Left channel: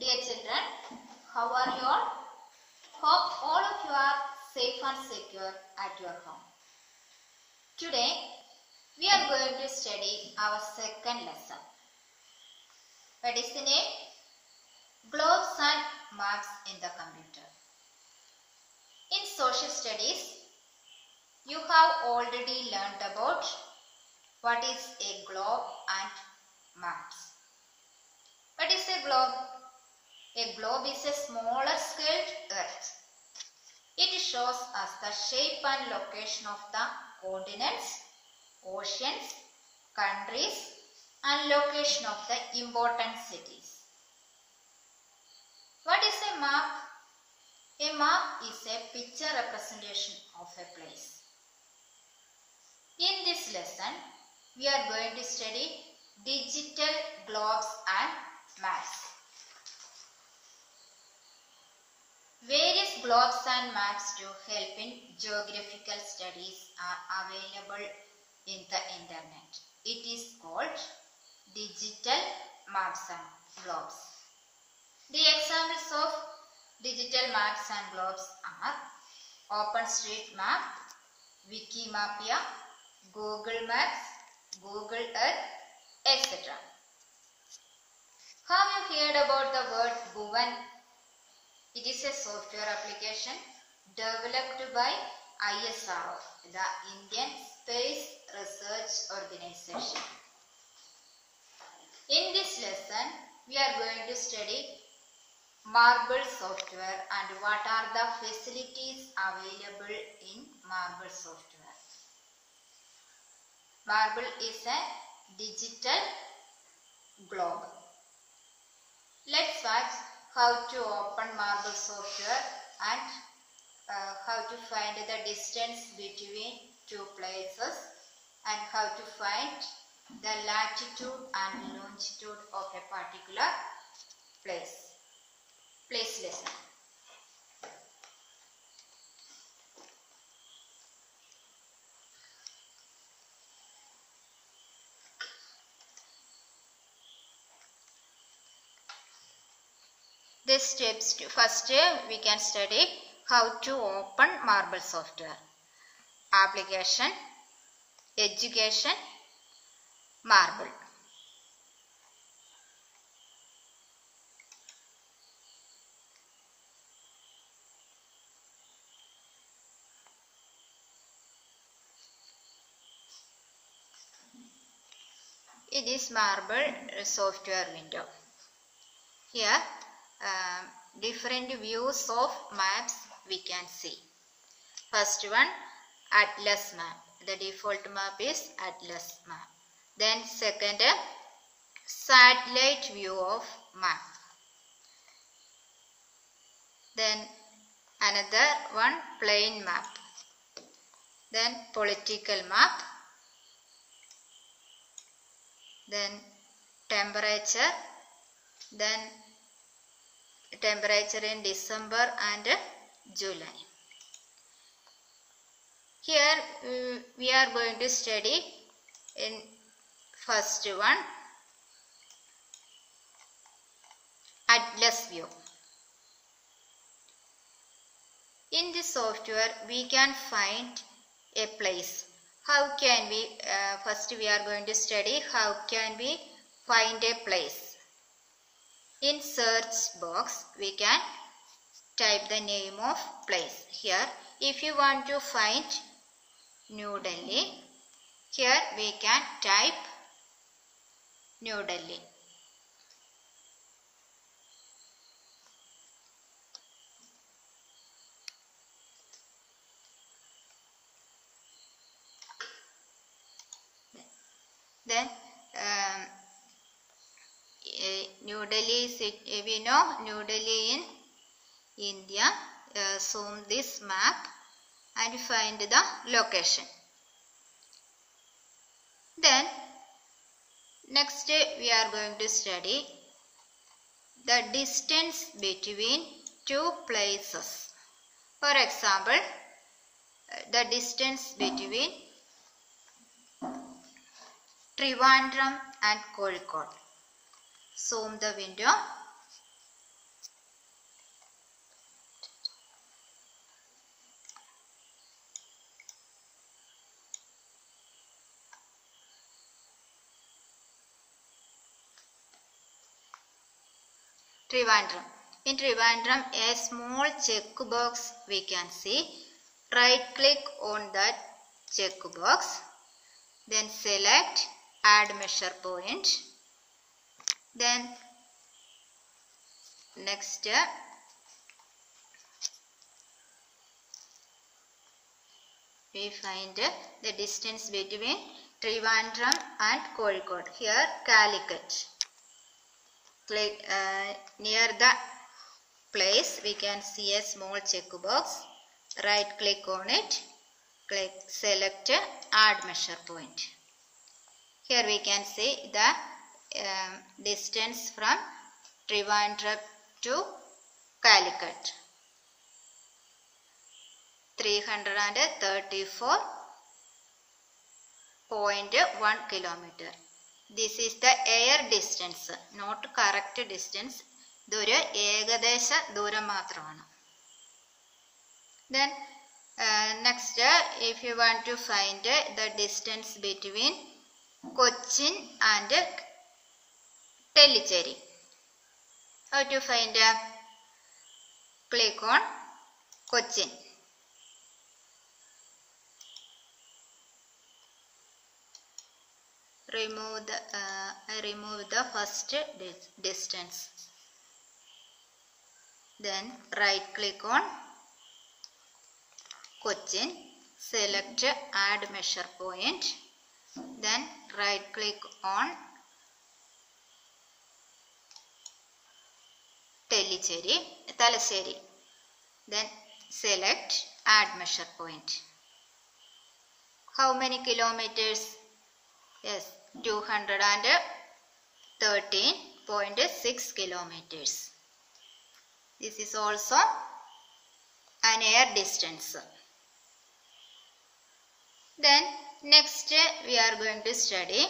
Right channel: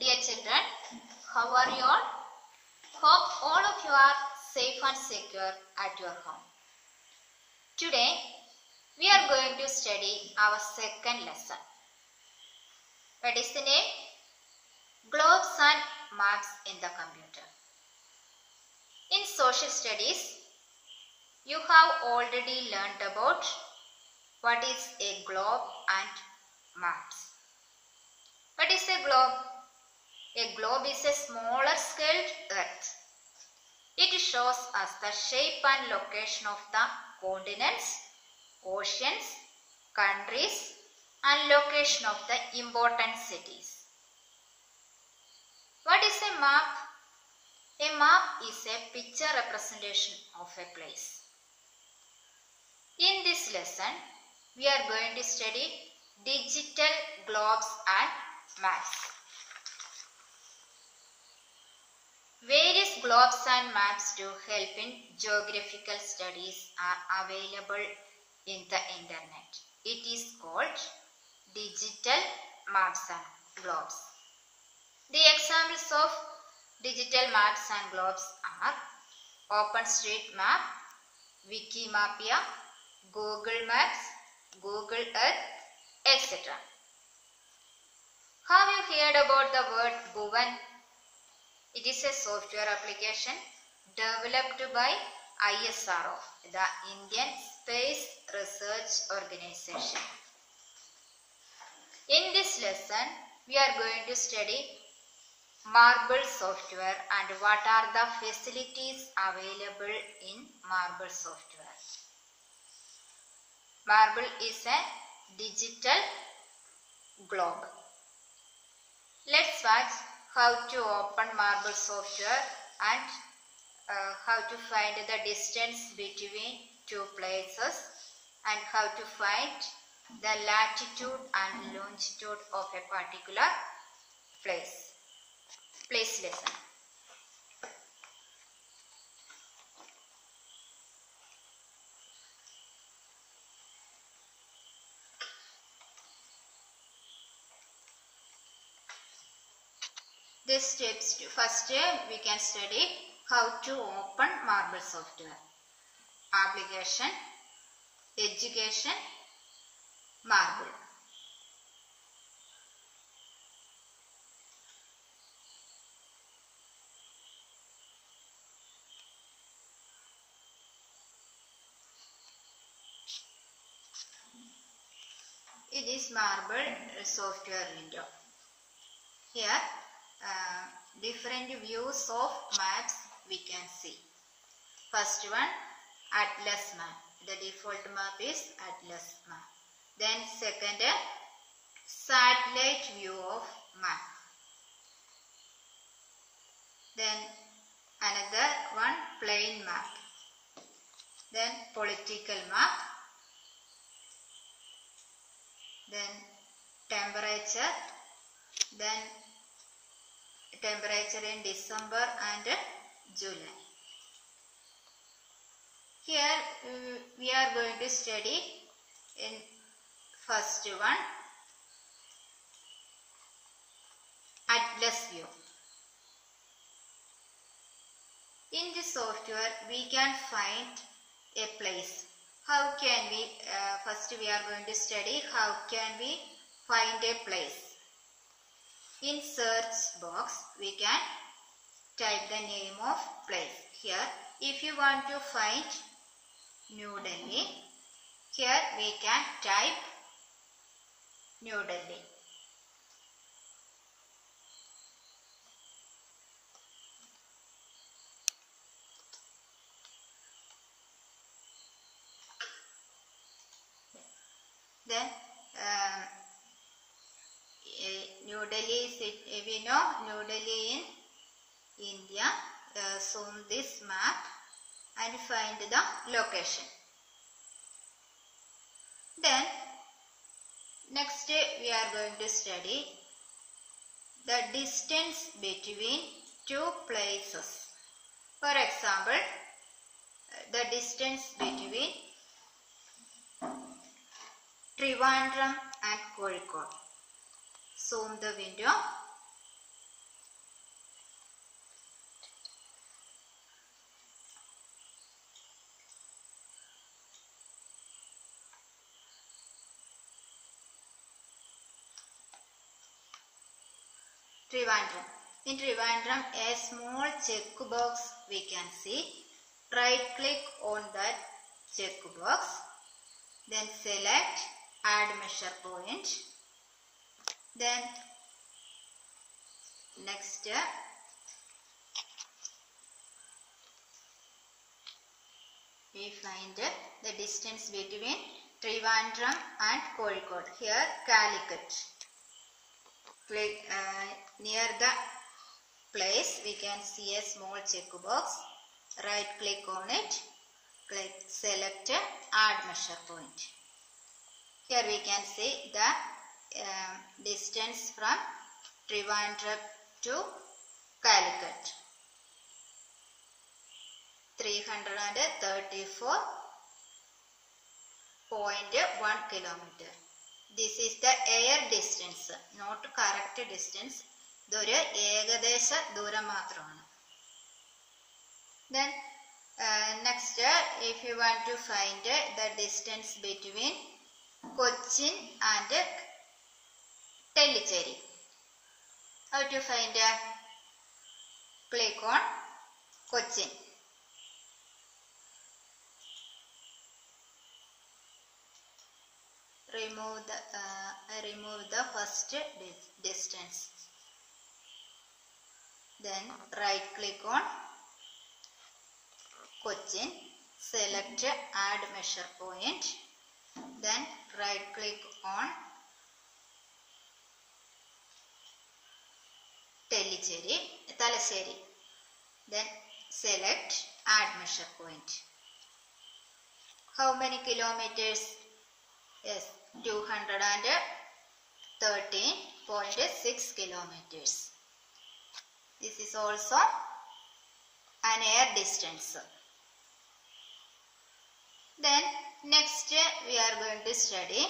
Dear children, how are you all? Hope all of you are safe and secure at your home. Today, we are going to study our second lesson. What is the name? Globes and maps in the computer. In social studies, you have already learned about what is a globe and maps. What is a globe? A globe is a smaller scaled earth. It shows us the shape and location of the continents, oceans, countries, and location of the important cities. What is a map? A map is a picture representation of a place. In this lesson, we are going to study digital globes and maps. Various globes and maps to help in geographical studies are available in the internet. It is called digital maps and globes. The examples of digital maps and globes are OpenStreetMap, Wikimapia, Google Maps, Google Earth, etc. Have you heard about the word Bhuvan? It is a software application developed by ISRO, the Indian Space Research Organization. In this lesson, we are going to study Marble software and what are the facilities available in Marble software. Marble is a digital globe. Let's watch how to open Marble software and how to find the distance between two places and how to find the latitude and longitude of a particular place. Place lesson. The steps to first we can study how to open Marble software. Application, education, Marble. It is Marble software window. Here different views of maps we can see. First one, Atlas map. The default map is Atlas map. Then second, satellite view of map. Then another one, plain map. Then political map. Then temperature. Then temperature in December and July. Here we are going to study in first one, Atlas view. In this software we can find a place. How can we, first we are going to study how can we find a place. In search box, we can type the name of place. Here, if you want to find New Delhi, here we can type New Delhi. Then, New Delhi, we know New Delhi in India. Zoom this map and find the location. Then next we are going to study the distance between two places. For example, the distance between Trivandrum and Kozhikode. Zoom the window Trivandrum. In Trivandrum, a small checkbox we can see. Right click on that checkbox. Then select add measure point. Then next we find the distance between Trivandrum and Kozhikode. Here Calicut. Click near the place we can see a small checkbox. Right click on it. Click select add measure point. Here we can see the distance from Trivandrum to Calicut. 334.1 kilometer. This is the air distance, not correct distance. ഇതൊരു ഏകദേശ ദൂരം മാത്രമാണ്. Then next, if you want to find the distance between Cochin and Tellicherry, how to find? Click on Cochin. Remove the first distance. Then right click on Cochin, select add measure point. Then right click on Talasheri. Then select add measure point. How many kilometers? Yes, 213.6 kilometers. This is also an air distance. Then next we are going to study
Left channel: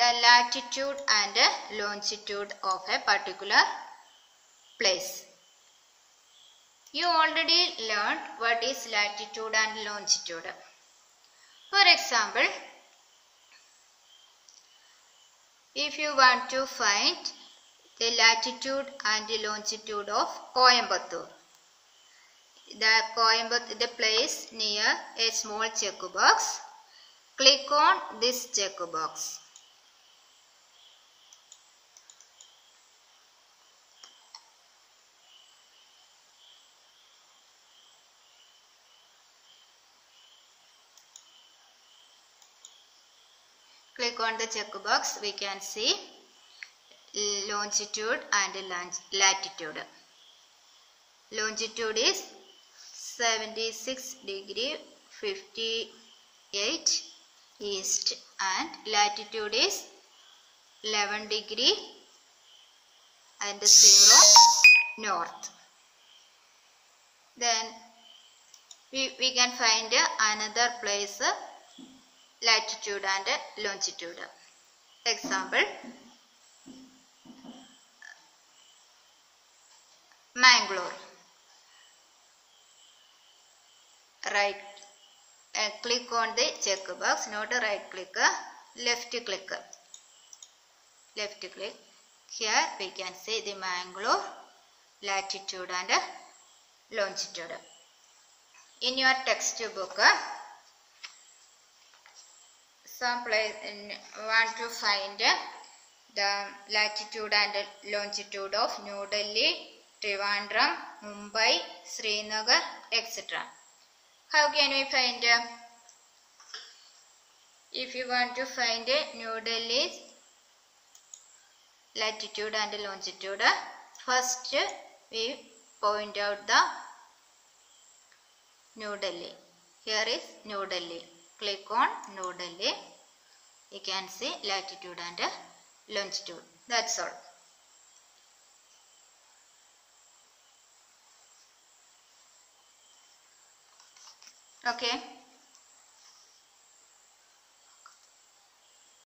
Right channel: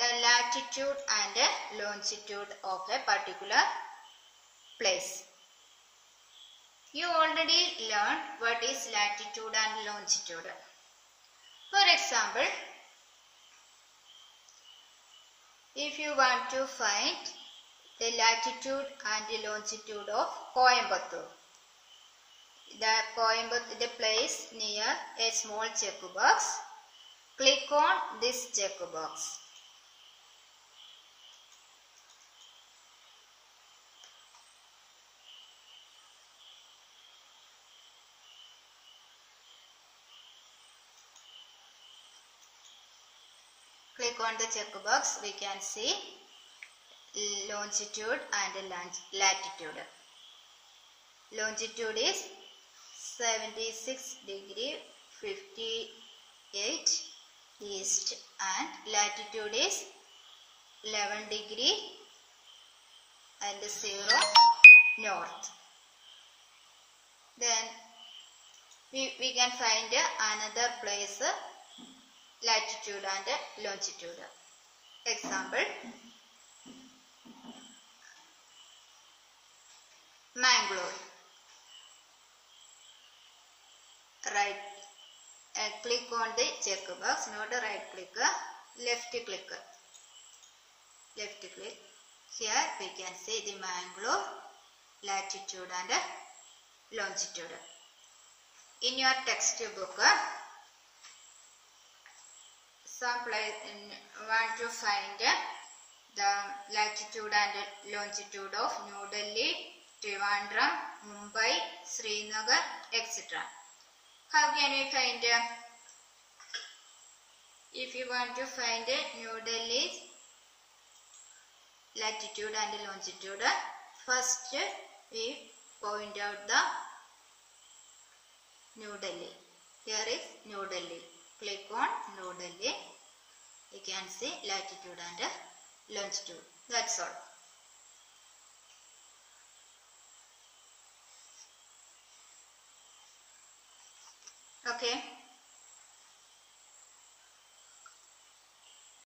the latitude and longitude of a particular place. You already learned what is latitude and longitude. For example, if you want to find the latitude and the longitude of Coimbatore, the place near a small checkbox, click on this checkbox. Click on the checkbox, we can see longitude and latitude. Longitude is 76 degree 58 east and latitude is 11 degree and 0 north. Then we can find another place latitude and longitude. Example, Mangalore. Right click on the checkbox, not a right click, left click. Left click. Here we can see the Mangalore latitude and longitude. In your textbook, some place want to find the latitude and longitude of New Delhi, Trivandrum, Mumbai, Srinagar, etc. How can we find? If you want to find New Delhi's latitude and longitude, first we point out the New Delhi. Here is New Delhi. Click on New Delhi. You can see latitude and longitude. That's all. Okay.